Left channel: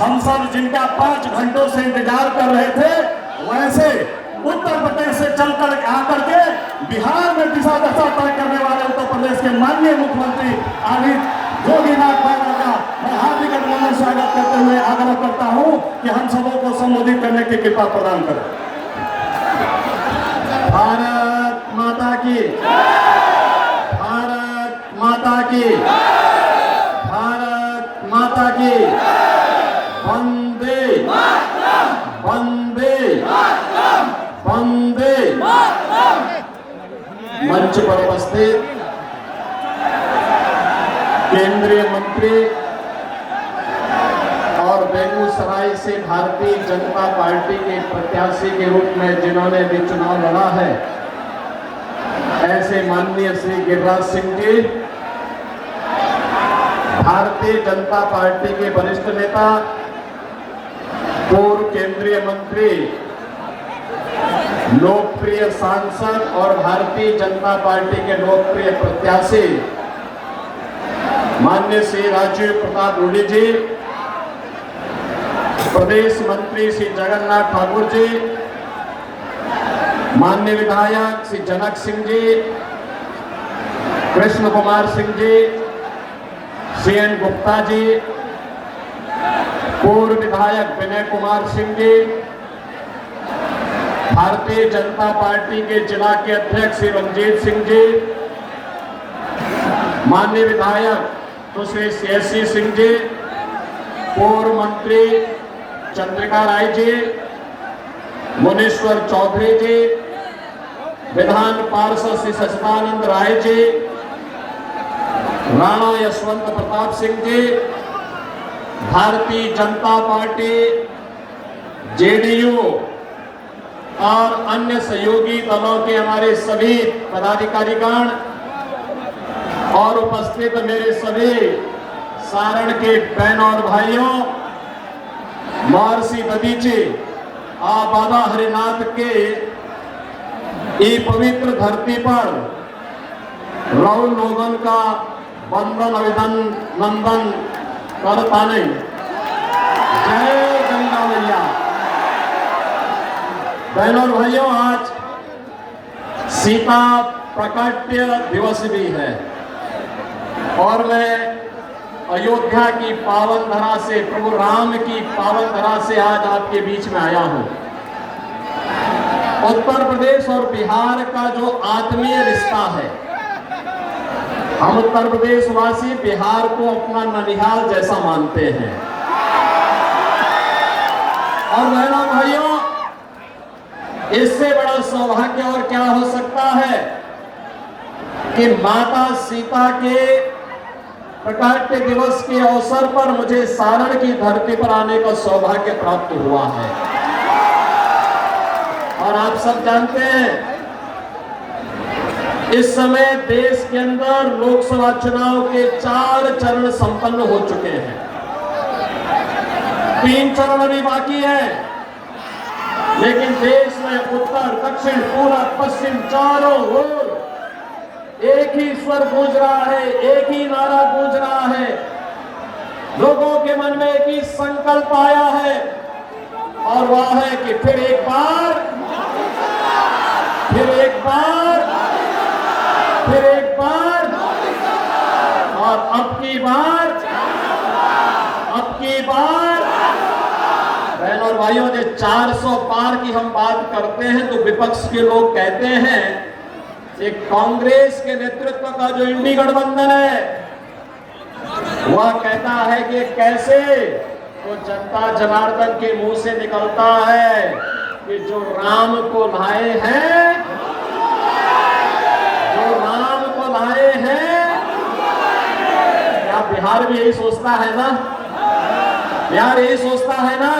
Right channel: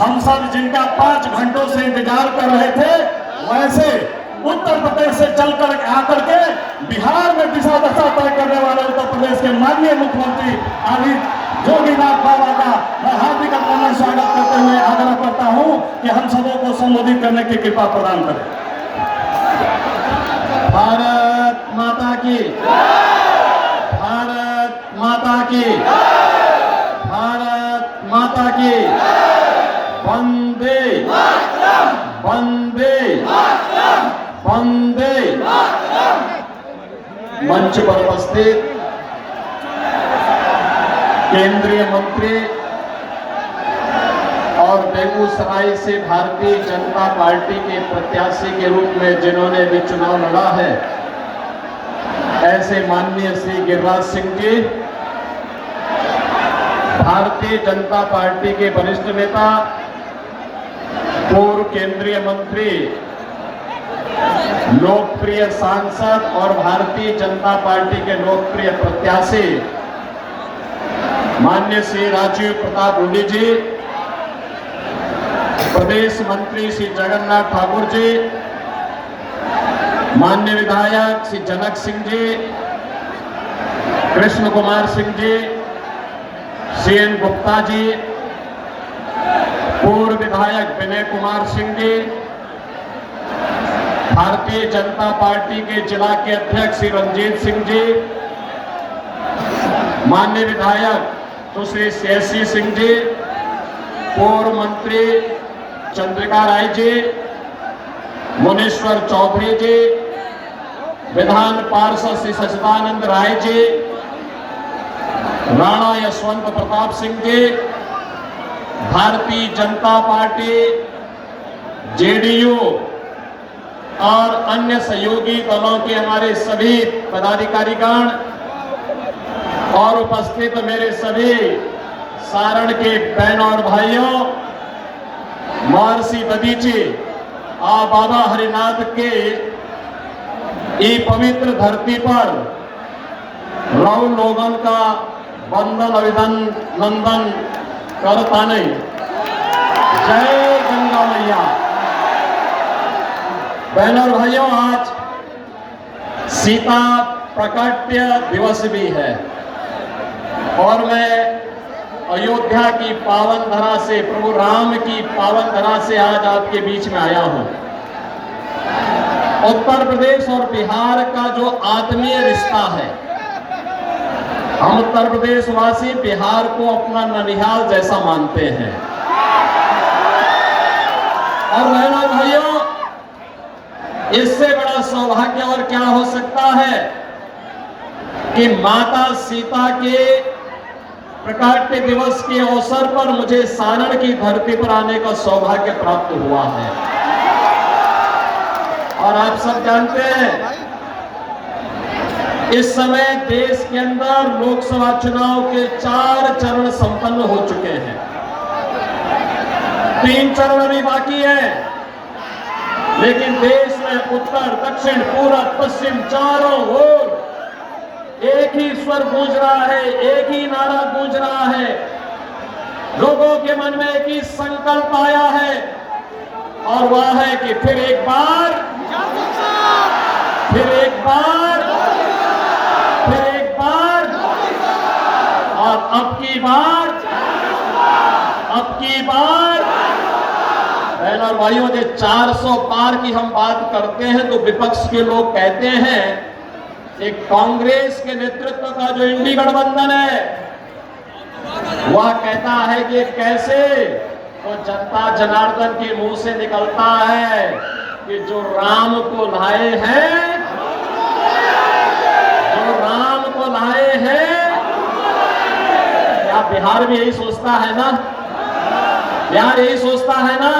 हम सब जिनका 5 घंटों से इंतजार कर रहे थे, वैसे उत्तर प्रदेश से चलकर आकर के बिहार में दिशा दशा तय करने वाले उत्तर प्रदेश के माननीय मुख्यमंत्री आदित्य जोगीनाथ बाबा का मैं हार्दिक अभिनंदन स्वागत करते हुए आग्रह करता हूं कि हम सबों को संबोधित करने की कृपा प्रदान करें। भारत माता की, भारत माता की, भारत माता की, वंदे वंदे वंदे। मंच पर उपस्थित केंद्रीय मंत्री और बेगूसराय से भारतीय जनता पार्टी के प्रत्याशी के रूप में जिन्होंने भी चुनाव लड़ा है, ऐसे माननीय श्री गिरिराज सिंह जी, भारतीय जनता पार्टी के वरिष्ठ नेता, पूर्व केंद्रीय मंत्री, लोकप्रिय सांसद और भारतीय जनता पार्टी के लोकप्रिय प्रत्याशी माननीय श्री राजीव प्रताप रूडी जी, प्रदेश मंत्री श्री जगन्नाथ ठाकुर जी, माननीय विधायक श्री जनक सिंह जी, कृष्ण कुमार सिंह जी, सीएन गुप्ता जी, पूर्व विधायक विनय कुमार सिंह जी, भारतीय जनता पार्टी के जिला के अध्यक्ष श्री रंजीत सिंह जी, माननीय विधायक सुश्री शेषी सिंह जी, पूर्व मंत्री चंद्रिका राय जी, मुनीश्वर चौधरी जी, विधान पार्षद श्री सचिदानंद राय जी, राणा यशवंत प्रताप सिंह जी, भारतीय जनता पार्टी, जेडीयू और अन्य सहयोगी दलों के हमारे सभी पदाधिकारीगण और उपस्थित मेरे सभी सारण के बहनों और भाइयों, महर्षि दधीची बाबा हरिनाथ के ये पवित्र धरती पर रव लोगन का वंदन अभिनंदन करता नहीं। जय गंगा मैया। बहनों और भाइयों, आज सीता प्रकट्य दिवस भी है और मैं अयोध्या की पावन धरा से, प्रभु राम की पावन धरा से आज आपके बीच में आया हूं। उत्तर प्रदेश और बिहार का जो आत्मीय रिश्ता है, हम उत्तर प्रदेश वासी बिहार को अपना ननिहाल जैसा मानते हैं। और बहनों भाइयों, इससे बड़ा सौभाग्य और क्या हो सकता है कि माता सीता के प्रकाट्य दिवस के अवसर पर मुझे सारण की धरती पर आने का सौभाग्य प्राप्त हुआ है। और आप सब जानते हैं, इस समय देश के अंदर लोकसभा चुनाव के 4 चरण संपन्न हो चुके हैं। 3 चरण अभी बाकी है, लेकिन देश में उत्तर, दक्षिण, पूरब, पश्चिम चारों ओर एक ही स्वर गूंज रहा है, एक ही नारा गूंज रहा है। लोगों के मन में एक ही संकल्प आया है और वह है कि फिर एक बार, फिर एक बार, फिर एक बार और अब की बार, अब की बार। बहनों और भाइयों, जब 400 पार की हम बात करते हैं तो विपक्ष के लोग कहते हैं एक कांग्रेस के नेतृत्व का जो इंडी गठबंधन है, वह कहता है कि कैसे तो जनता जनार्दन के मुंह से निकलता है कि जो राम को लाए हैं, जो राम को लाए हैं। क्या बिहार भी यही सोचता है ना? बिहार यही सोचता है ना?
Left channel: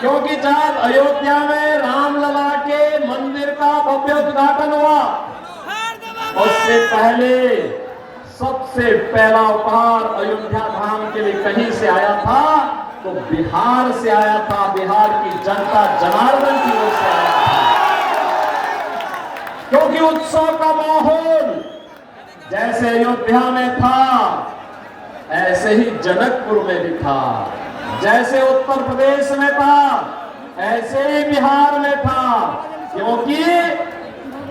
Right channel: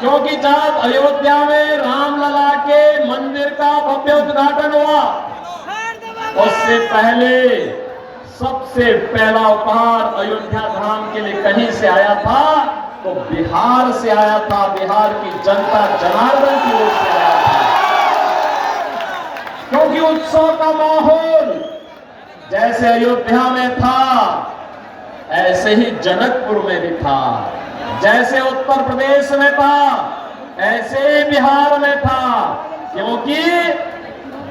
क्योंकि जब अयोध्या में रामलला के मंदिर का भव्य उद्घाटन हुआ, उससे पहले सबसे पहला उपहार अयोध्या धाम के लिए कहीं से आया था तो बिहार से आया था। बिहार की जनता जनार्दन की ओर से आया था, क्योंकि उत्सव का माहौल जैसे अयोध्या में था ऐसे ही जनकपुर में भी था। जैसे उत्तर प्रदेश में था ऐसे बिहार में था, क्योंकि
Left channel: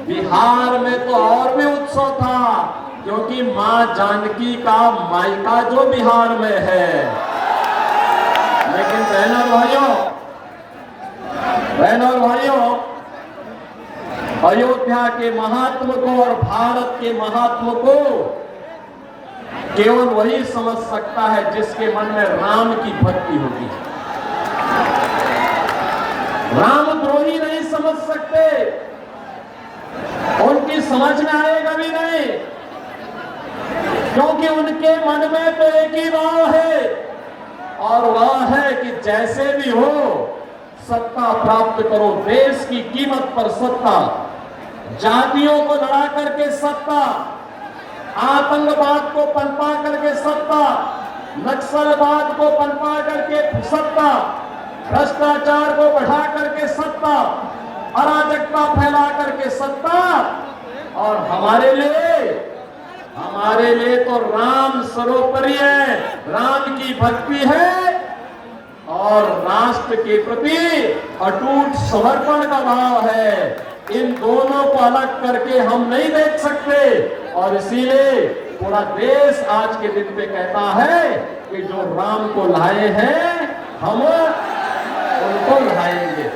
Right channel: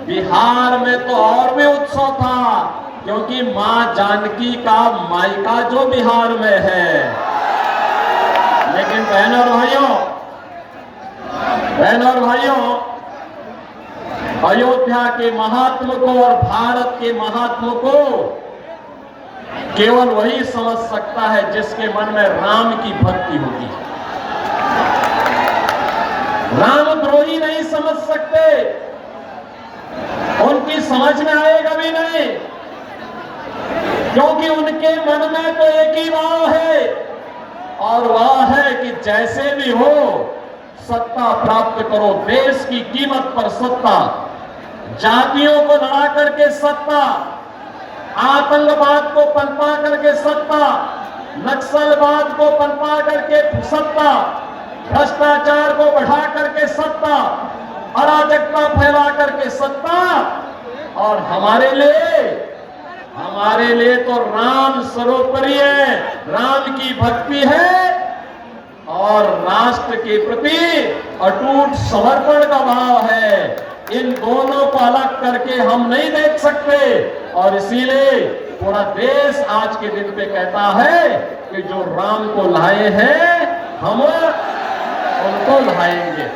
बिहार में तो और भी उत्सव था, क्योंकि मां जानकी का मायका जो बिहार में है। लेकिन बहनों और भाइयों, अयोध्या के महात्म को और भारत के महात्म को केवल वही समझ सकता है जिसके मन में राम की भक्ति होगी। रामद्रोही नहीं समझ सकते, उनकी समझ में आएगा भी नहीं, क्योंकि उनके मन में तो एक ही भाव है, और वह है कि जैसे भी हो सत्ता प्राप्त करो, देश की कीमत पर सत्ता, जातियों को लड़ा करके सत्ता, आतंकवाद को पनपा करके सत्ता, नक्सलवाद को पनपा करके सत्ता, भ्रष्टाचार को बढ़ा करके सत्ता, अराजकता फैला करके सत्ता। और हमारे लिए तो राम सर्वोपरि है, राम की भक्ति है और राष्ट्र के प्रति अटूट समर्पण का भाव है। इन दोनों को अलग करके हम नहीं देख सकते, और इसीलिए पूरा देश आज के दिन पे कहता है कि जो राम को लाए हैं हम उनको लाएंगे।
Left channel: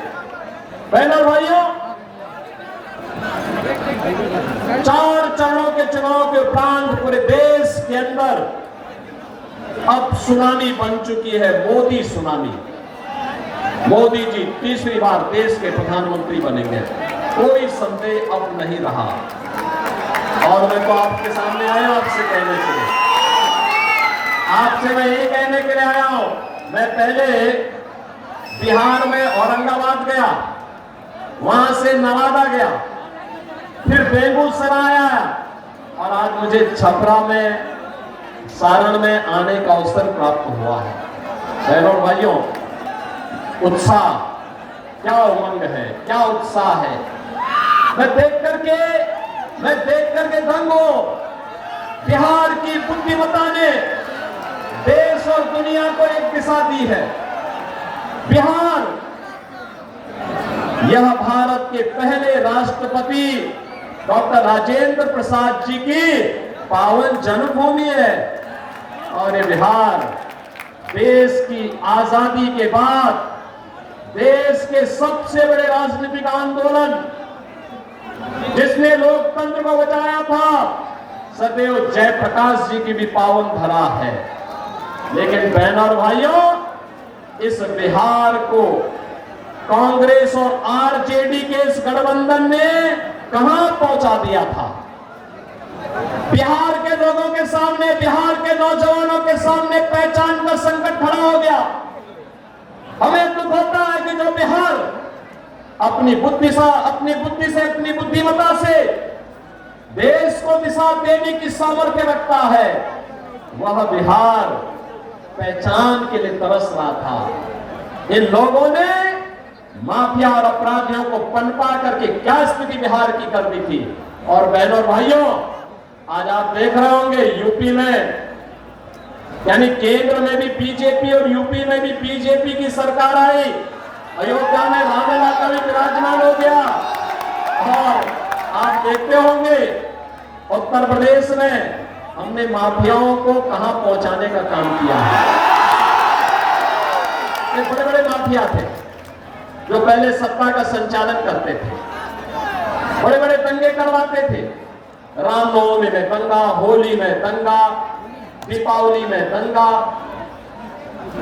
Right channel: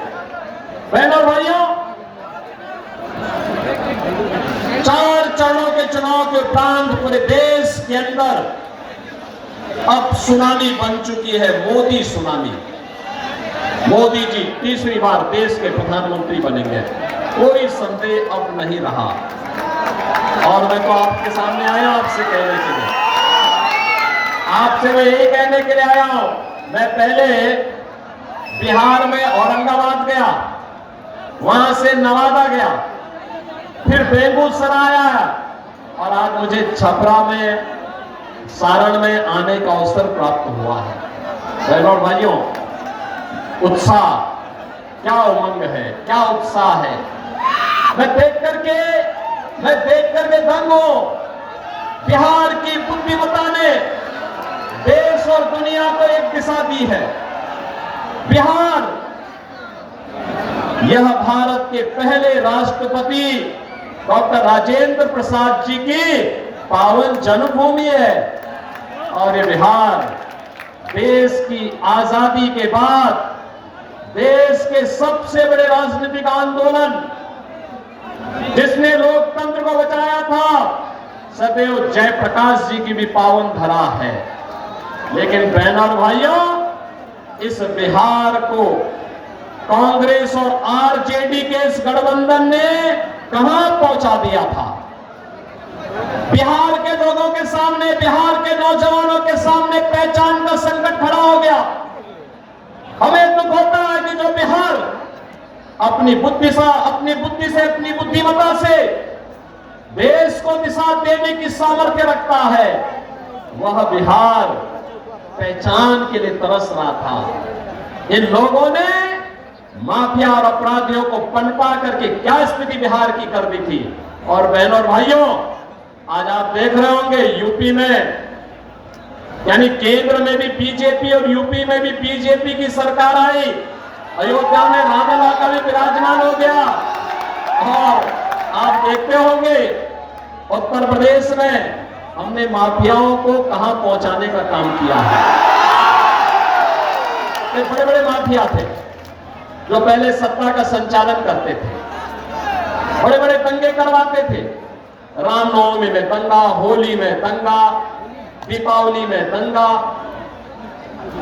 बहनों भाइयों, 4 चरणों के चुनाव के उपरांत पूरे देश के अंदर अब सुनामी बन चुकी है, मोदी सुनामी। मोदी जी तीसरी बार देश के प्रधानमंत्री बनेंगे, कोई संदेह अब नहीं रहा। और मैं तो आपके सामने आया आपसे कहने के लिए, आपसे मैं यही कहने के लिए आया हूं। मैं पहले बिहार में औरंगाबाद गया, वहां से नवादा गया, फिर बेगूसराय आया, और आज मुझे छपरा में, सारण में आने का अवसर प्राप्त हुआ है। बहनों भाइयों, उत्साह, क्या उमंग है, क्या उत्साह है। मैं देख करके दंग हूं। बिहार की बुद्धिमत्ता ने देश और दुनिया को एक दिशा दी है। बिहार, यह भारत के पहले राष्ट्रपति डॉक्टर राजेंद्र प्रसाद जी की पावन जन्मभूमि है, और ये बिहार देश की आजादी के बाद देश के सबसे बड़े राजनीतिक आंदोलन, जिसने लोकतंत्र को बचाया था, सदैव जयप्रकाश जी की भी पावन धरा है। लेकिन बहनों और भाइयों, इस बिहार को कांग्रेस और आरजेडी के इस गठबंधन ने कहां पहुंचा दिया था। बिहार के लोगों के सामने, बिहार के नौजवानों के सामने पहचान का संकट खड़ा हो गया। हमें दुख होता है कि जो बिहार अपनी बुद्धि से, अपनी बुद्धिमत्ता से देश को दिशा देने की सामर्थ्य रखता है, वह बिहार पहचान के लिए तरस रहा था। इन लोगों ने माफिया और अपराधियों को पनपा करके क्या स्थिति बिहार की कर दी थी। और बहनों और भाइयों, आज आप देख रहे होंगे यूपी में, यानी केंद्र में भी बीजेपी और यूपी में भी बीजेपी की सरकार आई। अयोध्या में रामलला का भी विराजमान हो गया। और आप देखते होंगे उत्तर प्रदेश में हमने माफियाओं को कहां पहुंचाने का काम किया है। ये बड़े बड़े माफिया थे जो पहले सत्ता का संचालन करते थे, बड़े बड़े दंगे करवाते थे। रामनवमी में दंगा, होली में दंगा, दीपावली में दंगा,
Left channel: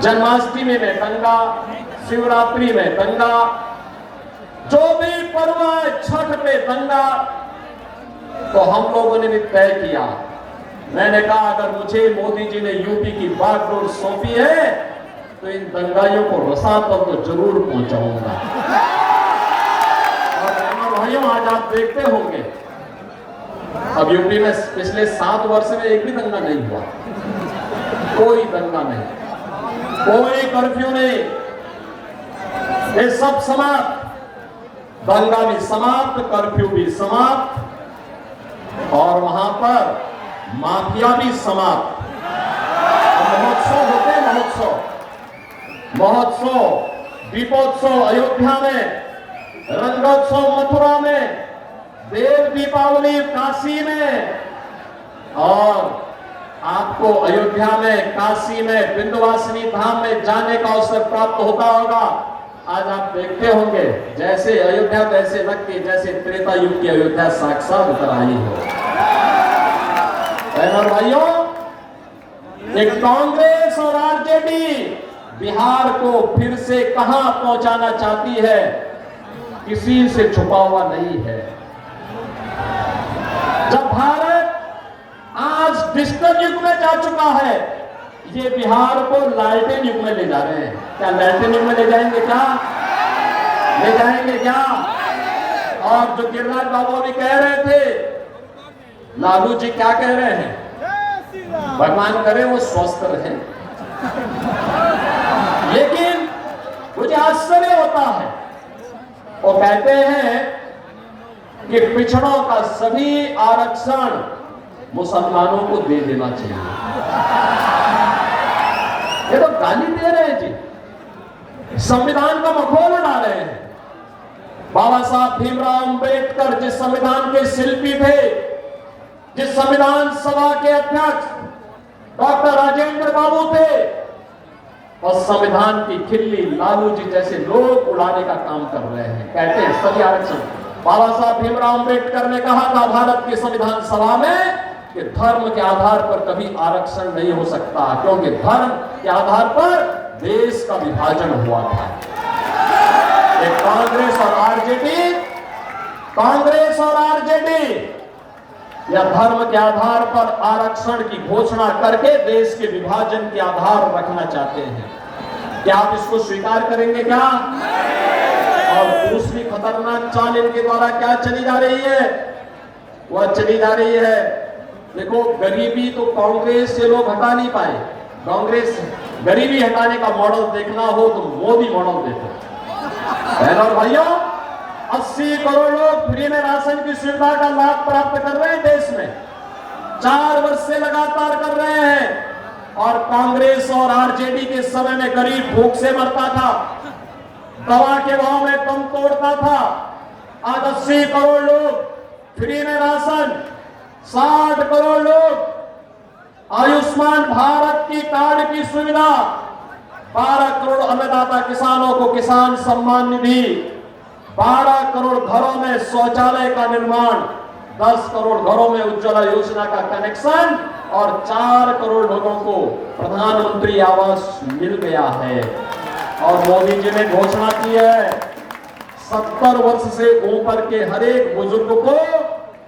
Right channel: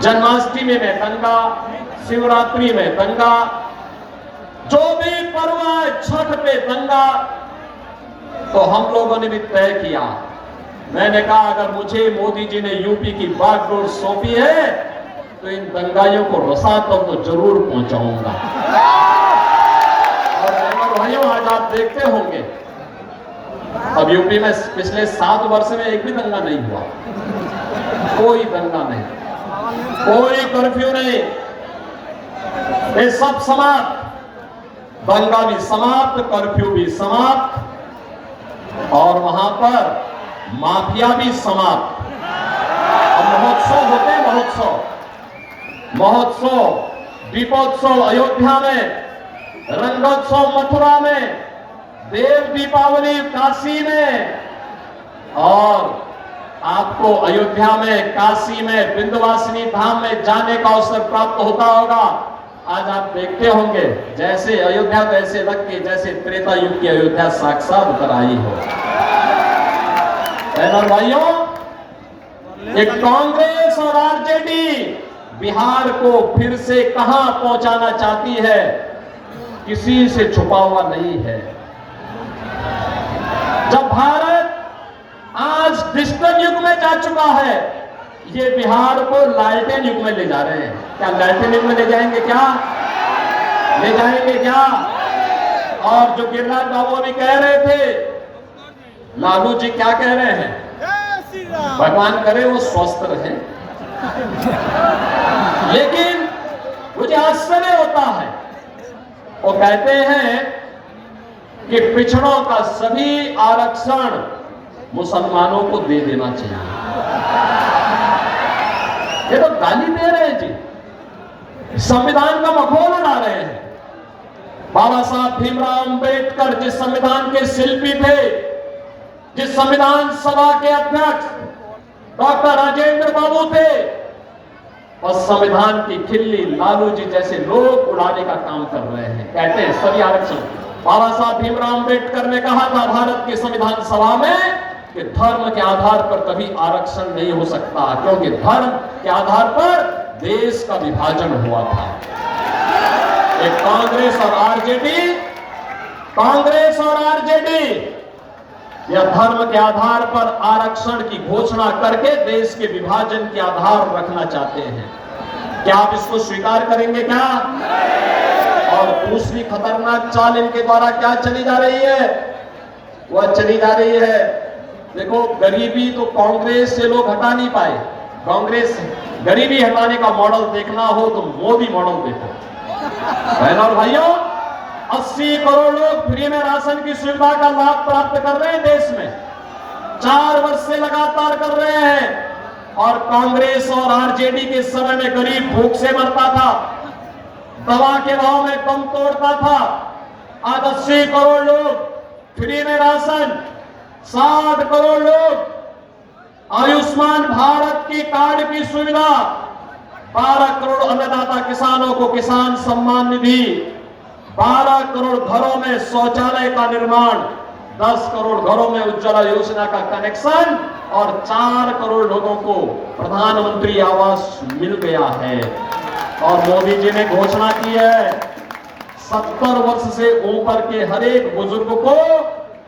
जन्माष्टमी में दंगा, शिवरात्रि में दंगा, जो भी पर्व है, छठ पे दंगा। तो हम लोगों ने भी तय किया, मैंने कहा अगर मुझे मोदी जी ने यूपी की बागडोर सौंपी है तो इन दंगाइयों को रसा तक तो जरूर पहुंचाऊंगा। और भाइयों, आज आप देखते होंगे अब यूपी में पिछले 7 वर्ष में एक भी दंगा नहीं हुआ, कोई दंगा नहीं, कोई कर्फ्यू नहीं, ये सब समाप्त, दंगा भी समाप्त, कर्फ्यू भी समाप्त, और वहां पर माफिया भी समाप्त। महोत्सव होते हैं, महोत्सव महोत्सव, दीपोत्सव अयोध्या में, रंगोत्सव मथुरा में, देव दीपावली काशी में, और आपको अयोध्या में, काशी में, विंध्यवासिनी धाम में जाने का अवसर प्राप्त होता होगा। आज आप देखते होंगे जैसे अयोध्या वैसे लगती, जैसे त्रेता युग की अयोध्या साक्षात उतर आई हो। बहनों भाइयों, एक कांग्रेस और आरजेडी बिहार को फिर से कहां पहुंचाना चाहती है, किसी से छुपा हुआ नहीं है। जब भारत आज डिजिटल युग में जा चुका है, ये बिहार को लालटेन युग में ले जा रहे हैं। क्या लालटेन युग में ले जाएंगे क्या? ले जाएंगे क्या? और जो गिरिराज बाबू भी कह रहे थे, लालू जी क्या कह रहे हैं? भगवान करे वो स्वस्थ रहे। लेकिन मुझे आश्चर्य होता है, वो कहते हैं कि पिछड़ों का सभी आरक्षण मुसलमानों को दे देना चाहिए। ये तो गाली दे रहे हैं जी, संविधान का मखौल उड़ा रहे हैं। बाबा साहब भीमराव अंबेडकर जिस संविधान के शिल्पी थे, जिस संविधान सभा के अध्यक्ष डॉक्टर राजेंद्र बाबू थे, और संविधान की खिल्ली लालू जी जैसे लोग उड़ाने का काम कर रहे हैं। कहते हैं सभी आरक्षण। बाबा साहब भीमराव अंबेडकर ने कहा था भारत की संविधान सभा में कि धर्म के आधार पर कभी आरक्षण नहीं हो सकता, क्योंकि धर्म के आधार पर देश का विभाजन हुआ था। एक कांग्रेस और आरजेडी या धर्म के आधार पर आरक्षण की घोषणा करके देश के विभाजन के आधार रखना चाहते हैं। क्या आप इसको स्वीकार करेंगे क्या? और दूसरी खतरनाक चाल इनके द्वारा क्या चली जा रही है? वह चली जा रही है, देखो गरीबी तो कांग्रेस से लोग हटा नहीं पाए। कांग्रेस गरीबी हटाने का मॉडल देखना हो तो मोदी मॉडल देखो। बहनों और भाइयों, 80 करोड़ लोग फ्री में राशन की सुविधा का लाभ प्राप्त कर रहे हैं देश में, 4 वर्ष से लगातार कर रहे हैं। और कांग्रेस और आरजेडी के समय में गरीब भूख से मरता था, दवा के भाव में कम तोड़ता था। आज 80 करोड़ लोग फ्री में राशन, 60 करोड़ लोग आयुष्मान भारत की कार्ड की सुविधा, 12 करोड़ अन्नदाता किसानों को किसान सम्मान निधि, 12 करोड़ घरों में शौचालय का निर्माण, 10 करोड़ घरों में उज्ज्वला योजना का कनेक्शन, और 4 करोड़ लोगों को प्रधानमंत्री आवास मिल गया है। और मोदी जी ने घोषणा की है 70 वर्ष से ऊपर के हर एक बुजुर्ग को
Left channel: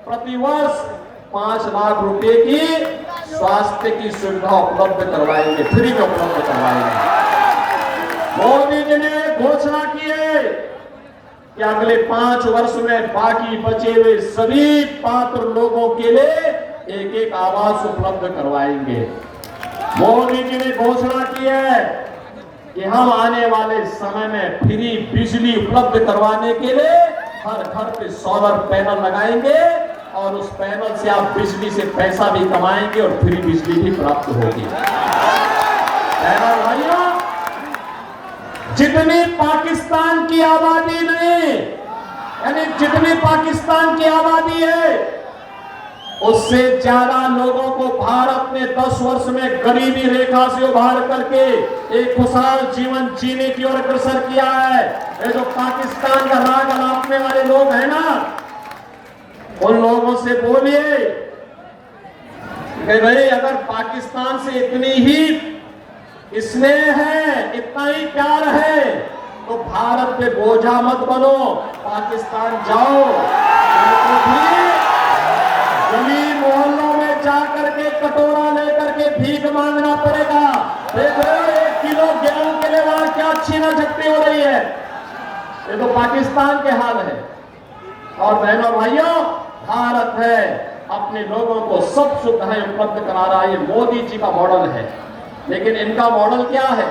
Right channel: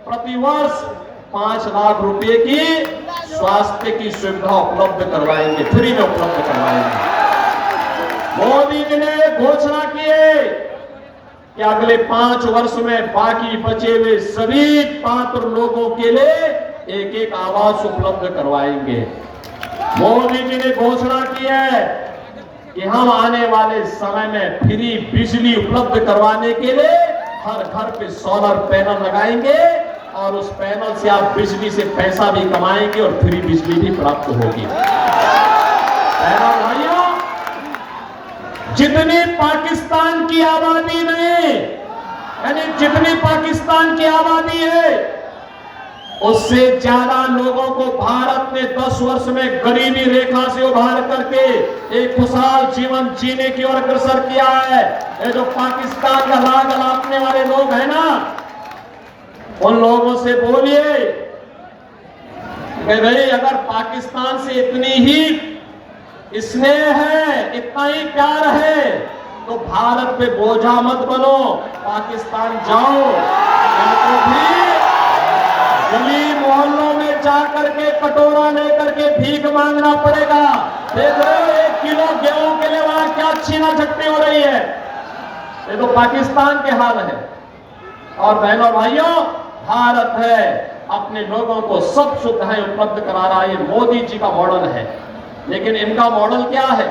प्रतिवर्ष 5 लाख रुपए की स्वास्थ्य की सुविधा उपलब्ध करवाएंगे, फ्री में उपलब्ध करवाएंगे। मोदी जी ने घोषणा की है कि अगले 5 वर्ष में बाकी बचे हुए सभी पात्र लोगों के लिए एक आवास उपलब्ध करवाएंगे। मोदी जी ने घोषणा की है कि हम आने वाले समय में फ्री बिजली उपलब्ध करवाने के लिए हर घर पे सोलर पैनल लगाएंगे, और उस पैनल से आप बिजली से पैसा भी कमाएंगे और फ्री बिजली भी प्राप्त होगी। भाइयों, जितनी पाकिस्तान की आबादी नहीं, यानी जितनी पाकिस्तान की आबादी है, उससे ज्यादा लोगों को भारत ने 10 वर्ष में गरीबी रेखा से उभार करके एक खुशहाल जीवन जीने की ओर अग्रसर किया है। ये जो पाकिस्तान का राग अलापने वाले लोग हैं ना, उन लोगों से बोलिए कि भाई अगर पाकिस्तान से इतनी ही स्नेह है, इतना ही प्यार है, तो भारत पे बोझा मत बनो, पाकिस्तान जाओ। उनको भी गली मोहल्लों में जाकर के कटोरा लेकर के भीख मांगना पड़ेगा। देखो 1 किलो गेहूं के लिए वहां क्या छीना झटकी हो रही है। ये तो पाकिस्तान के हाल है। और बहनों भाइयों, भारत है अपने लोगों को सब सुविधाएं उपलब्ध करा रहा है। ये मोदी जी का मॉडल है। लेकिन इनका मॉडल क्या है?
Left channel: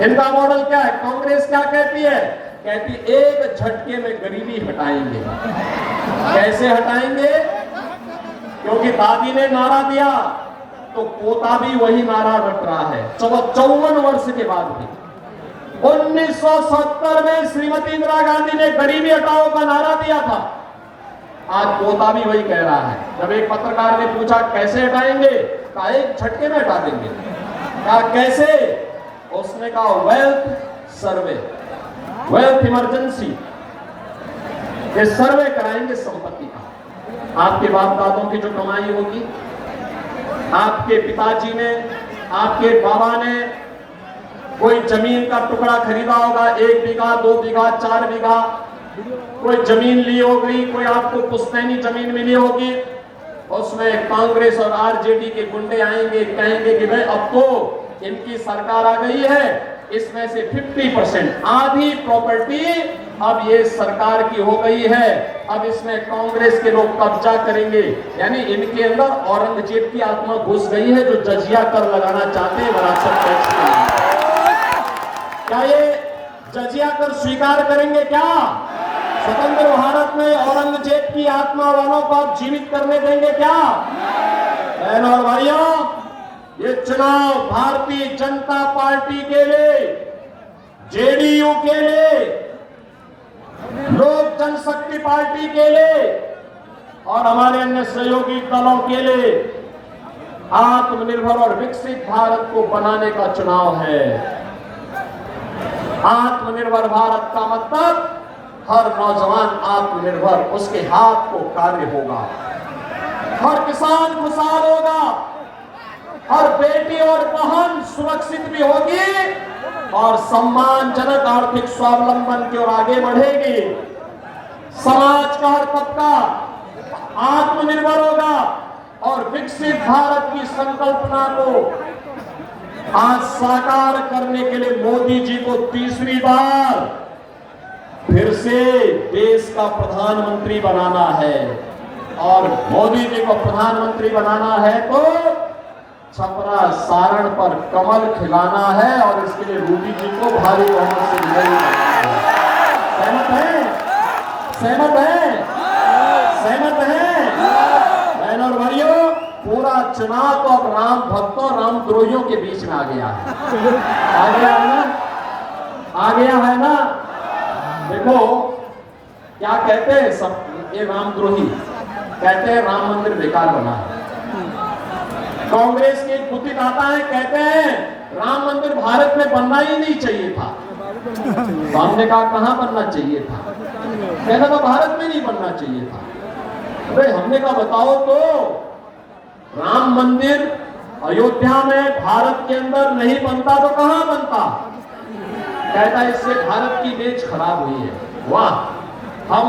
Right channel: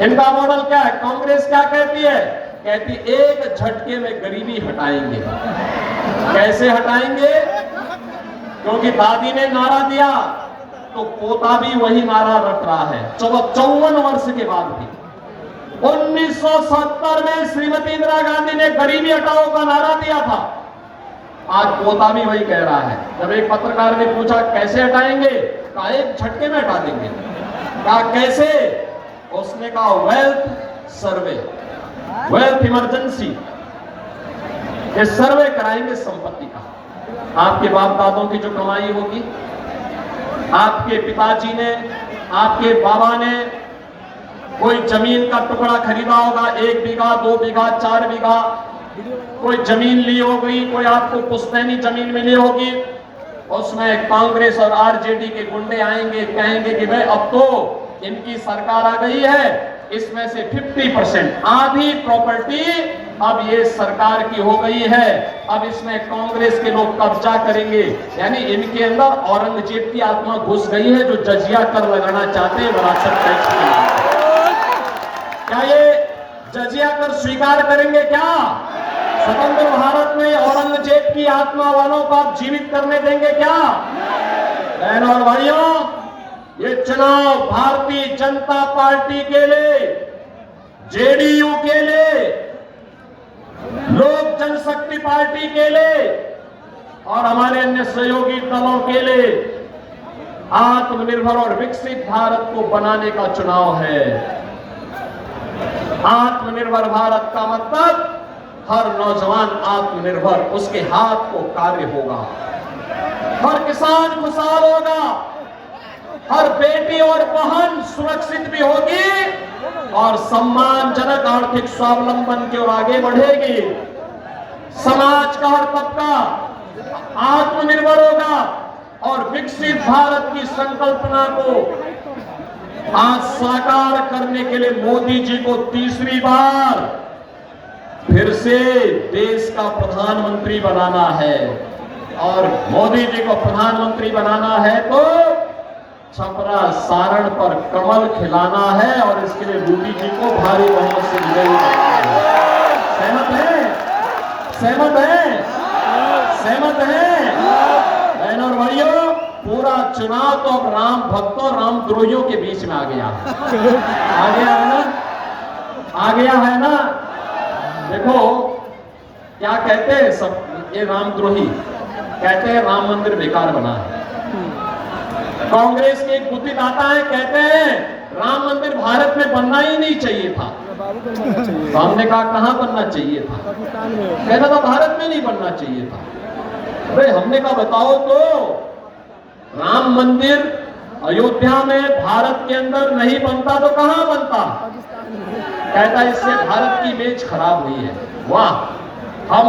इनका मॉडल क्या है? कांग्रेस क्या कहती है? कहती एक झटके में गरीबी हटाएंगे। कैसे हटाएंगे? क्योंकि दादी ने नारा दिया तो पोता भी वही नारा रट रहा है 54 वर्ष के बाद भी। 1970 में श्रीमती इंदिरा गांधी ने गरीबी हटाओ का नारा दिया था, आज पोता भी वही कह रहा है। जब एक पत्रकार ने पूछा कैसे हटाएंगे, कहा एक झटके में हटा देंगे। कहा कैसे, उसने कहा वेल्थ सर्वे, वेल्थ इमरजेंसी, ये सर्वे कराएंगे संपत्ति का। आपके बाप दादों की जो कमाई होगी, आपके पिताजी ने, आपके बाबा ने कोई जमीन का टुकड़ा खरीदा होगा, 1 बीघा 2 बीघा 4 बीघा, कोई जमीन ली होगी, कोई आपको पुश्तैनी जमीन मिली होगी, उसमें कांग्रेस और आरजेडी के गुंडे आएंगे, कहेंगे कि भाई अब तो इनकी सरकार आ गई है, इसमें से 50% आधी प्रॉपर्टी अब ये सरकार की हो गई है, अब इसमें कांग्रेस के लोग कब्जा करेंगे। यानी इनके अंदर औरंगजेब की आत्मा घुस गई है, जो जजिया कर लगाना चाहते हैं विरासत टैक्स के लिए। क्या ये जजिया कर स्वीकार करेंगे? क्या स्वतंत्र भारत में औरंगजेब की आत्मा वालों को आप जीवित करने देंगे क्या? बहनों और भाइयों, ये चुनाव भारतीय जनता पार्टी के लिए, जेडीयू के लिए, लोक जनशक्ति पार्टी के लिए और हमारे अन्य सहयोगी दलों के लिए आत्मनिर्भर और विकसित भारत को बनाने का चुनाव है। आत्मनिर्भर भारत का मतलब हर नौजवान आत्मनिर्भर, उसके हाथ को कार्य होगा, हर किसान खुशहाल होगा, हर बेटी और बहन सुरक्षित भी होगी और सम्मानजनक आर्थिक स्वावलंबन की ओर आगे बढ़ेगी। समाज का हर तबका आत्मनिर्भर होगा और विकसित भारत की संकल्पना को आज साकार करने के लिए मोदी जी को तीसरी बार फिर से देश का प्रधानमंत्री बनाना है। और मोदी जी को प्रधानमंत्री बनाना है तो छपरा सारण पर कमल खिलाना है और इसके लिए मोदी जी को भारी बहुमत से विजयी करना है। सहमत है? सहमत है? सहमत है? बहनों और भाइयों, पूरा चुनाव तो अब राम भक्तों रामद्रोहियों के बीच में आ गया है। आ गया है ना? आ गया है ना? देखो क्या कहते हैं सब ये रामद्रोही, कहते हैं राम मंदिर बेकार बना है। कांग्रेस के एक बुद्धिदाता है, कहते हैं राम मंदिर भारत में बनना ही नहीं चाहिए था। तो हमने कहा कहां बनना चाहिए था? कहता था भारत में नहीं बनना चाहिए था। अरे हमने कहा बताओ तो, राम मंदिर अयोध्या में भारत के अंदर नहीं बनता तो कहां बनता? कहता इससे भारत की इमेज खराब हुई है। वाह, हम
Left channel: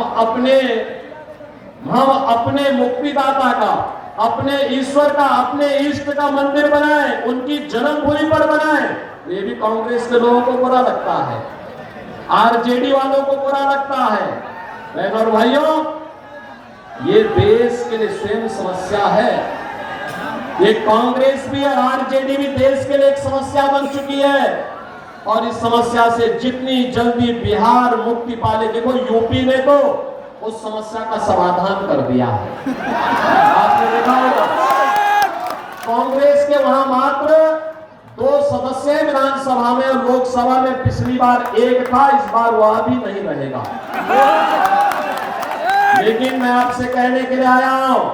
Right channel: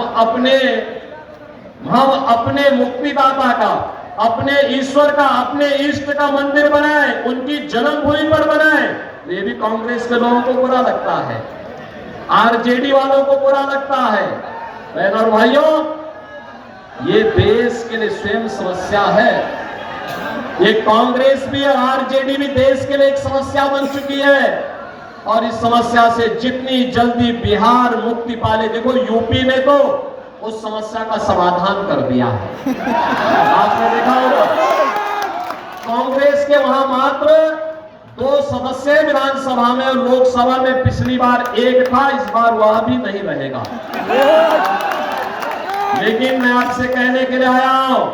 अपने मुक्तिदाता का, अपने ईश्वर का, अपने इष्ट का मंदिर बनाए, उनकी जन्मभूमि पर बनाए। ये भी कांग्रेस के लोगों को बुरा लगता है, आरजेडी वालों को बुरा लगता है। बहनों और भाइयों, ये देश के लिए स्वयं समस्या है। ये कांग्रेस भी और आरजेडी भी देश के लिए एक समस्या बन चुकी है और इस समस्या से जितनी जल्दी बिहार मुक्ति पाले, देखो यूपी ने तो उस समस्या का समाधान कर दिया है। आपने देखा होगा कांग्रेस के वहां मात्र 2 सदस्य विधानसभा में और लोकसभा में पिछली बार 1 था, इस बार वह भी नहीं रहेगा। लेकिन मैं आपसे कहने के लिए आया हूं,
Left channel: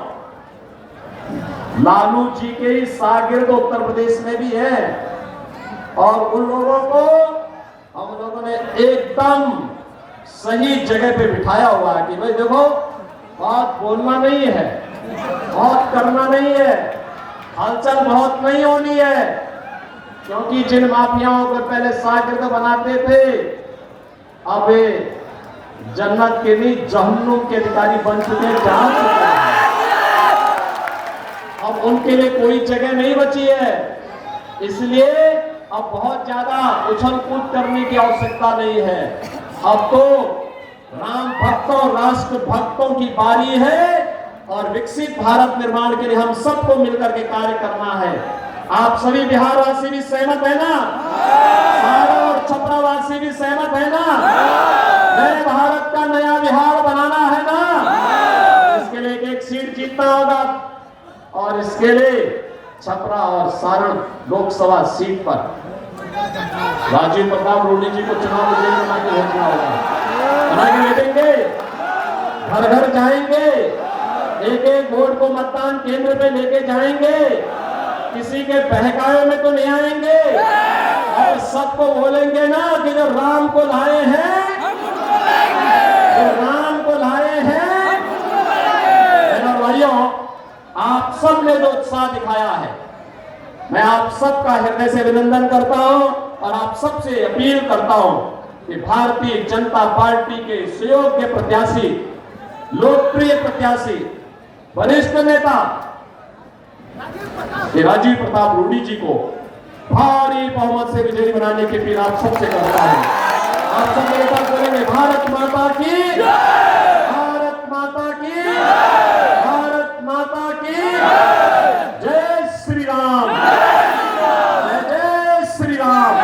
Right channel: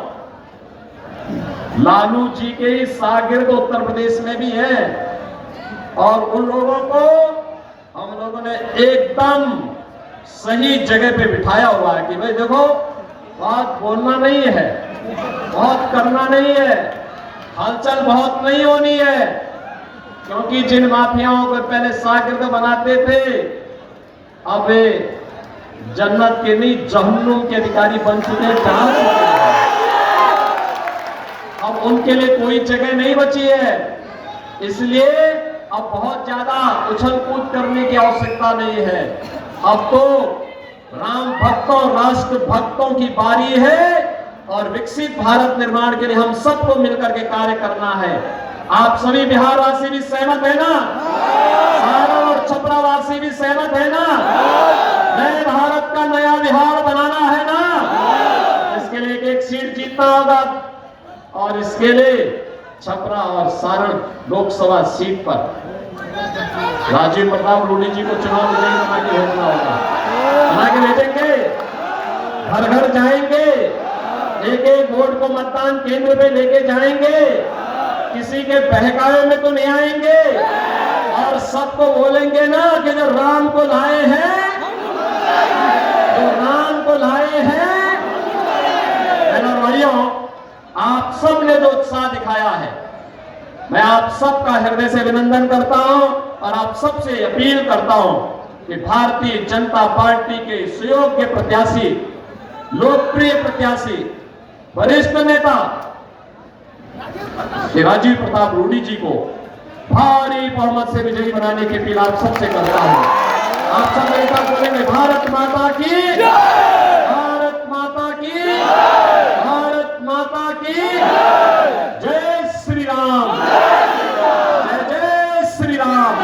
लालू जी के शागिर्द उत्तर प्रदेश में भी हैं और उन लोगों को हम लोगों ने एकदम सही जगह पे बिठाया हुआ है कि भाई देखो, बात बोलना नहीं है, बहुत करना नहीं है, हलचल बहुत नहीं होनी है, क्योंकि जिन माफियाओं को पहले शागिर्द बनाते थे अब वे जन्नत के नहीं जहन्नुम के अधिकारी बन चुके हैं, जा चुके हैं। अब उनके लिए कोई जगह नहीं बची है, इसलिए अब बहुत ज्यादा उछल कूद करने की आवश्यकता नहीं है। अब तो राम भक्तों, राष्ट्र भक्तों की बारी है और विकसित भारत निर्माण के लिए हम सबको मिलकर के कार्य करना है। आप सभी बिहारवासी भी सहमत है ना? सारण और छपरावासी भी सहमत है ना? नए भारत का नया बिहार बनाना है ना? इसके लिए एक सीट जीतना होगा और इसके लिए छपरा और सारण लोकसभा सीट पर राजीव प्रताप रूडी जी को चुनाव भेजना होगा। बना के भेजेंगे, घर घर जाएंगे, एक एक वोट को मतदान केंद्र पे लेके जाएंगे, किसी के बहकावे में तो नहीं आएंगे और सबको बोलेंगे ना कि जो राम को लाए हैं, जो राम को लाए हैं। भाइयों, आप सब ने जो उत्साह दिखाया है, मैं आप सबका हृदय से अभिनंदन करता हूं और आप सबसे अपील करता हूं कि भारतीय जनता पार्टी के सुयोग्य प्रत्याशी, लोकप्रिय प्रत्याशी, वरिष्ठ नेता राजीव प्रताप रूडी जी को भारी बहुमत से विजयी बनाने की अपील आप सबसे करता हूं। आप सब मेरे साथ बोलेंगे, भारत माता की, भारत माता की, भारत माता की जय श्री राम, जय श्री राम।